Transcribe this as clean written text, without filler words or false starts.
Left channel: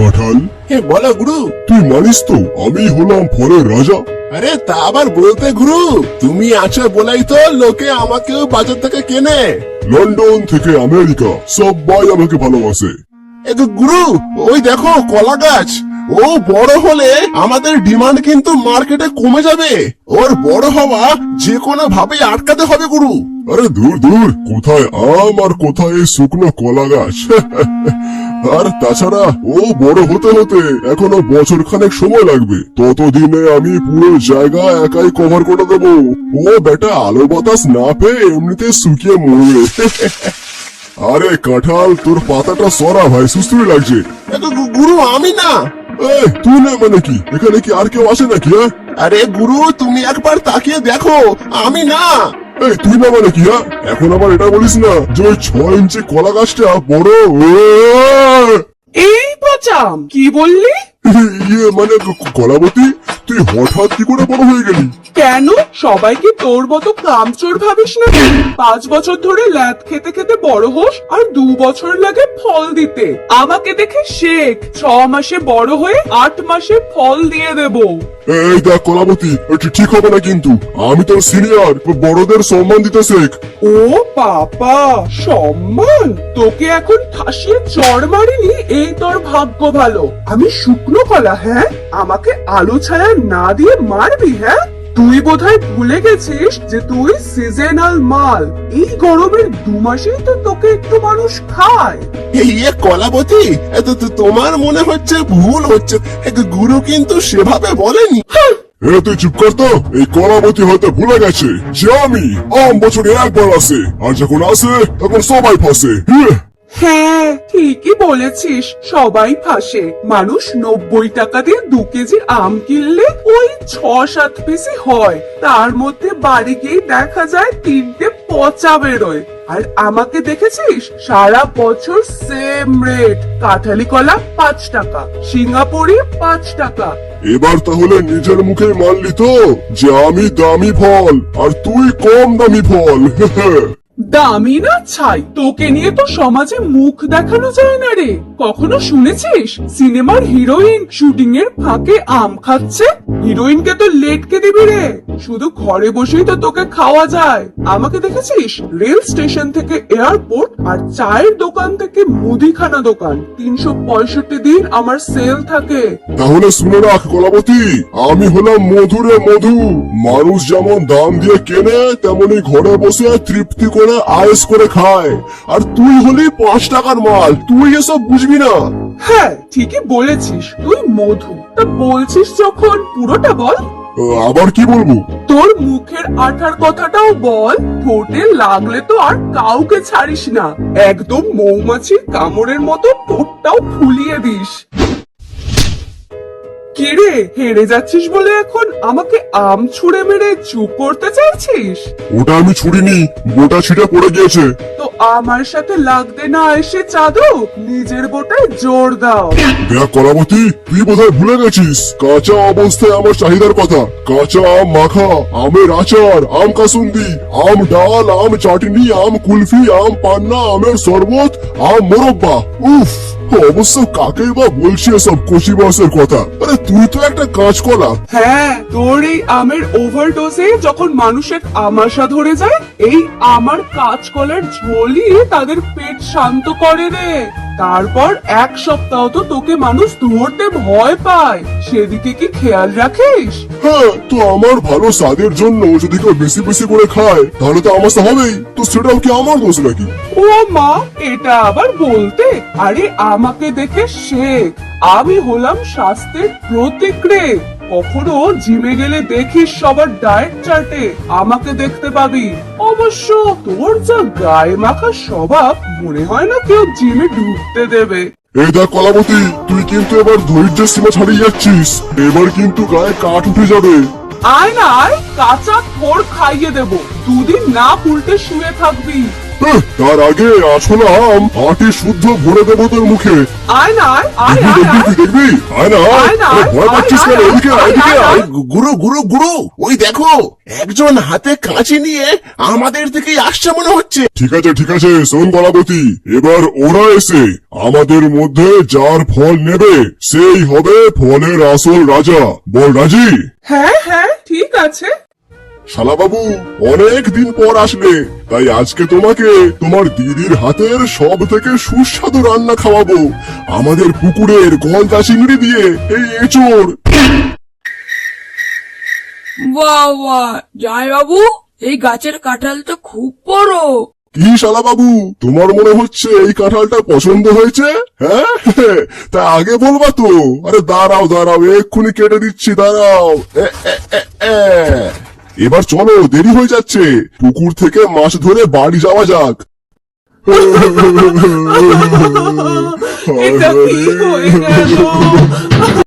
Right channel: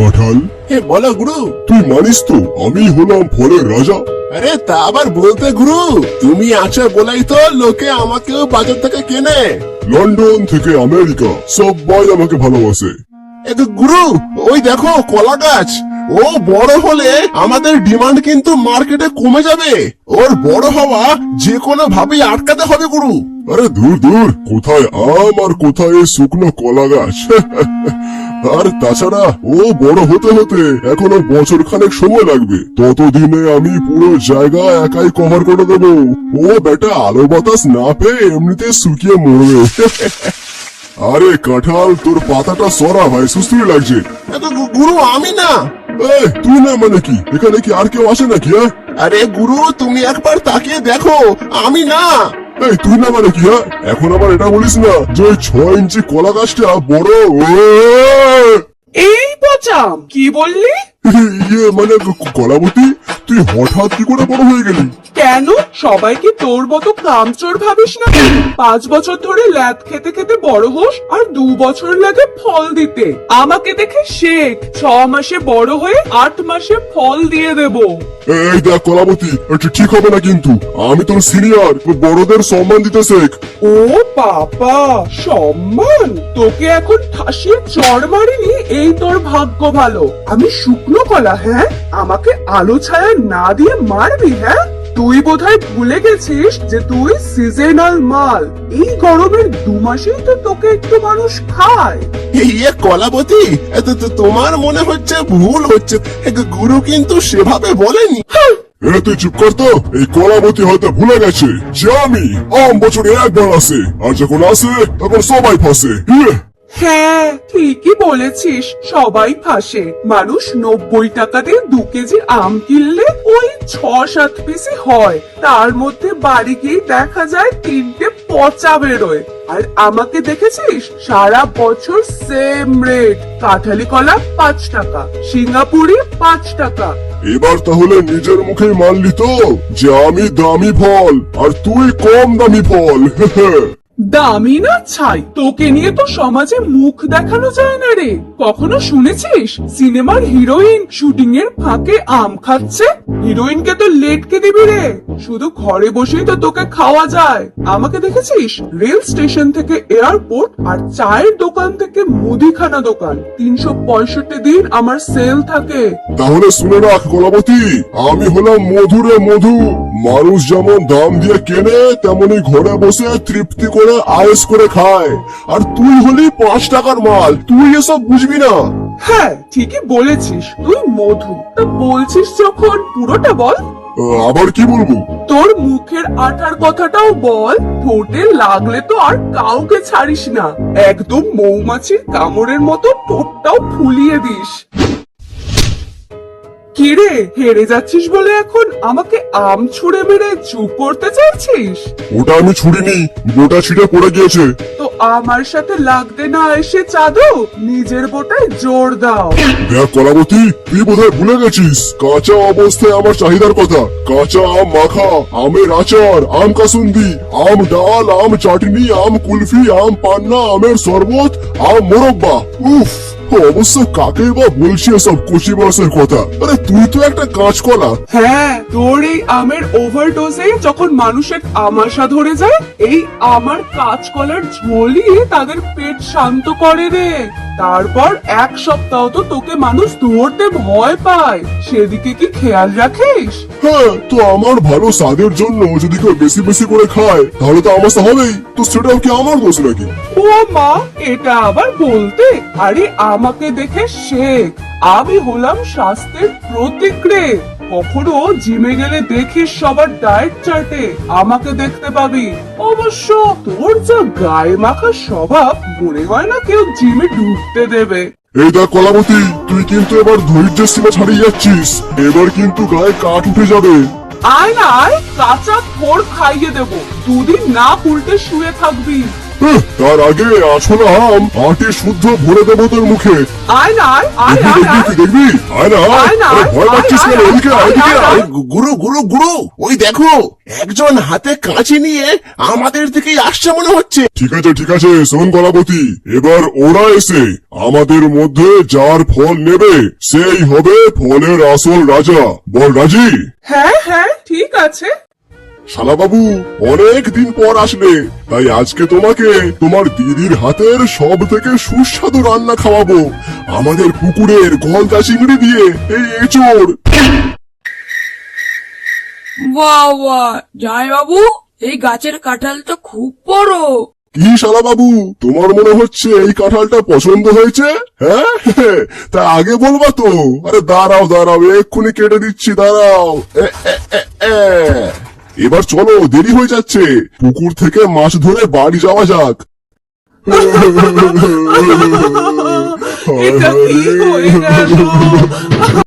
কাঁঠাল, বলো গুরু। তুই মানিস তো আমি হলাম ফলের রাজা? আরে তা আবার বলতে গুরু, তুমি আছো বলাই তো লোকে আমাকেও বাজার থেকে কেনে। লন্ডন থেকে আমেরিকা সবাই আমাকে ভালোবাসে। গুরু, ওই দেখো কলা গাছ, ও বড় হলে আমাদের ডিমান্ড কিন্তু মার্কেটে কমে যাবে। ওর বড় হওয়া যে কোনো ভাবে আটকাতে হবে গুরু। আরে দূর দূর, কোথায় আম আর কোথায় এই শুকনো কলা গাছ। আর তাছাড়া ও বড় হতে হতে এখনো বছর খানেক সময় লাগবে। ততদিনে আমি পুরো জায়গা একাই কভার করে দেবো। ও বেটা আলো বাতাস না পেয়ে এমনিতে শুকিয়ে মরবে। আরে কাঁঠাল, তোর পাতাটা সরা ভাই, সুস্থই লাগছে। গুরু আমি না। এই তুই না মানে কি, এখানে কি আর কেউ আসে নাকি? আরে গুরু তুমি একবার তাকিয়ে দেখো, আমি না। এই তুই না মানে কি? এখন আবার এটা বলিস না যে 6 ইঞ্চি কলা গাছটা বড়। এই পচাম, কি বললি? ইয়ে মানে কলাবতী, তুই হঠাৎ কি করে বড় হয়ে গেলি? কেন, সবাই কি তোর মতো কামচোর ভাবিস না? 5 বছর ধরে ল্যাদ খেতে খেতে বড় হোস আর 2 বছর লাগে ফল দিতে। আমাকে দেখে শেখ, 6 মাসে বড় হয়ে 8 মাসে ফল দিয়ে দেবো। এই দেখ কলাবতী, এটা ঠিক হবে না কিন্তু। আমি তোর সিনিয়র, বড়দের সম্মান দিতে শেখ। ও বাবা, সম্মান? তোকে এখন ঠাসিয়ে চড় মারিনি, এই তোর ভাগ্য ভালো। আমি শুকনো কলা, হ্যাঁ? আমাকে আলো ছায়া না দিয়ে মারবি, হ্যাঁ? তুই বোধহয় ভুলে গেছিস যে তুই সিজনাল মাল। এই গরমের 2 মাসেই তো তোকে একটু মানুষ খায়। ইয়ে কলাবতী, তোমার মনে হচ্ছে ভুল হচ্ছে। গুরু কিন্তু সেভাবে বলেনি। তুই চুপ কর তো। এই কলাবতী হয়তো ভুলে গেছে যে আমি বছরে একবার আসে, আর যখন আসে তখন সবাই ফাঁসে। হ্যাঁ, ঠিকই বলেছিস, সবাই ফাঁসে। মানুষ 90 টাকা দিয়ে 2 কেজি আম কিনলে ওই 6-7 পিসই হয়। তার মধ্যে বাড়ি গিয়ে দেখা যায় 3টে পচা বেরোয়। আর আমাকে দেখেছিস, সারা বছর সেম রেট। কাঁঠালি কলা 5 টাকা, সিঙ্গাপুরি 5 টাকা। এবার তাহলে নিজের মুখে মানলি তো যে আমি দামি ফল আর তুই কম দামি ফল। দামি না ছাই, তোকে নিয়ে তো সমাজে মুখ দেখানো যায় না রে। কখনো শুনেছিস সিনেমার হিরোইন শুটিং এর ফাঁকে আম খাচ্ছে? হিরোইনকে তো লেটকে দিবি রে, শুধু ঘরে বসেই তো তোকে খাওয়া যায়। আমাকে দেখেছিস রেল স্টেশন থেকে এয়ারপোর্ট আর চায়ের দোকান থেকে মুদিখানা দোকান, 365 দিন আমার সেল থাকে। তাহলে শুনে রাখ কলাবতী, আমি হলাম মধুরে মধু। মানুষ যেমন দাম দিয়ে কেনে, তেমনি ঘরে বসে তৃপ্তি করে আয়েস করে খায়। আর তুই হলি 5 টাকার মাল, তুই এসব বুঝবি না। হ্যাঁ, ঠিকই বলেছিস, তুই মধু। তা বলছিস যখন পুরোটা বল। আবার কি বলবো? তোর মুখের আঠার কথাটাও বল। ঠোঁটে লাগলে তো আর কাউকে ছাড়িস না, একদম মৌমাছির কামড়ের মতো ঠোঁটটাও ফুলিয়ে দিস। কিরে, হেরে যাচ্ছিস বলে এখন আমাকে আম ছুঁড়ে মেরে চুপ করতে চাইছিস? ওটা আমি ছুড়িনি, বোটা ছিটে পড়ে গিয়েছে। তো আমার সাথে লাগতে না এসে চাঁদো, নিজের বোটায় জোর দাও। দেখ কলাবতী, তুই বোধহয় ভুলে গেছিস কাঁচা অবস্থায় আমার চাহিদার কথা। কাঁচা আম মাখা, আমের আচার, আম কাসুন্দি, আম ডাল, আম চাটনি, আম কুলফি, আম পান্না, আমের শরবত, আম মোরব্বা। উফ, অবশ্য কাকেই বা বলছি এসব কচি বয়সের কথা? আরে তুই তো একটা কাঁচকলা। হ্যাঁ, তোর এই আমের ওভারডোজে যখন মানুষের আমাশা ধরে যায়, এই আমার কাঁচকলার ঝোলিয়ে তাদের পেট শান্ত করে রে। তারপর 1 সপ্তাহ তো তোকে মানুষ ধরতে ভয় পায়, সেদিকে কি খেয়াল রাখিস? হ্যাঁ, তো আমার ভালো স্বাদের জন্য যদি কেউ বেশি বেশি করে খায় তাহলে তো আমার হবেই। তো সেটাও কি আমার দোষ নাকি? ও মা, এটা আবার বলতে? আরে আমাকে দেখে শেখ, আমি হলাম স্বাস্থ্যের প্রতীক রে। কখনো জিমে গেলে দেখিস সবার ডায়েট চার্টে আমাকে দেখতে পাবি। অবশ্য তোর যা গায়ে মাখা স্বভাব, মনে হয় না কেউ জিমে ঢুকতে দেবে। এই দেখ কলাবতী, তুই কিন্তু এবার ধৈর্যের সীমা ছাড়িয়ে যাচ্ছিস। এবার কিন্তু গায়ে কাঠ উঠে যাবে। আয় না আয়, কাঁচা থোড় খাইয়ে দেবো। দুদিন না উল্টে শুয়ে থাকবি। তার আগে আসলে আটি শুদ্ধ ভরে দেবো তোর মুখে। আয় না আয় আয় আয় আয় দেখবি আয় না আয় না, আরে ভয় আয়, পাচ্ছিস আয়, কেন? আয়, এদিকে আয়, আয়, এদিকে আয়, আয়। গুরু গুরু গুরু ওই দেখো একজন হাতে কাঁচি নিয়ে আমাদের দিকে আসছে মনে হচ্ছে। ঠিক আছে শোন কলাবতী, এবার ওরা এসে আমাদের মধ্যে যার ফল নেবে সেই হবে ফলের আসল রাজা। বল রাজি? হ্যাঁ হ্যাঁ ঠিক আছে। শালাবাবু অনেক দিন পর আসলে, তাই আজকে তোমাকে তোমার দিদির হাতের সব থেকে সুস্বাদু রান্না খাওয়াবো, আমাদের পুকুরের গলদা চিংড়ি দিয়ে এই এঁচোড়। বাহ বাহ, জয় বাবু, এই গাছের কাঁঠাল তো খুব বড়। কি শালাবাবু, তোমার মনে হচ্ছে এই কাঁঠালটা পছন্দ হয়েছে? হ্যাঁ তা আগে বলবা তো। আরে দাঁড়াও এক্ষুনি কেটে দিচ্ছি, দাঁড়াও। এবার চলো, দেরি হয়ে যাচ্ছে, পুকুর থেকে মাছ ধরে বাড়ি যাওয়া যাক। এটা কি হয়ে গেল?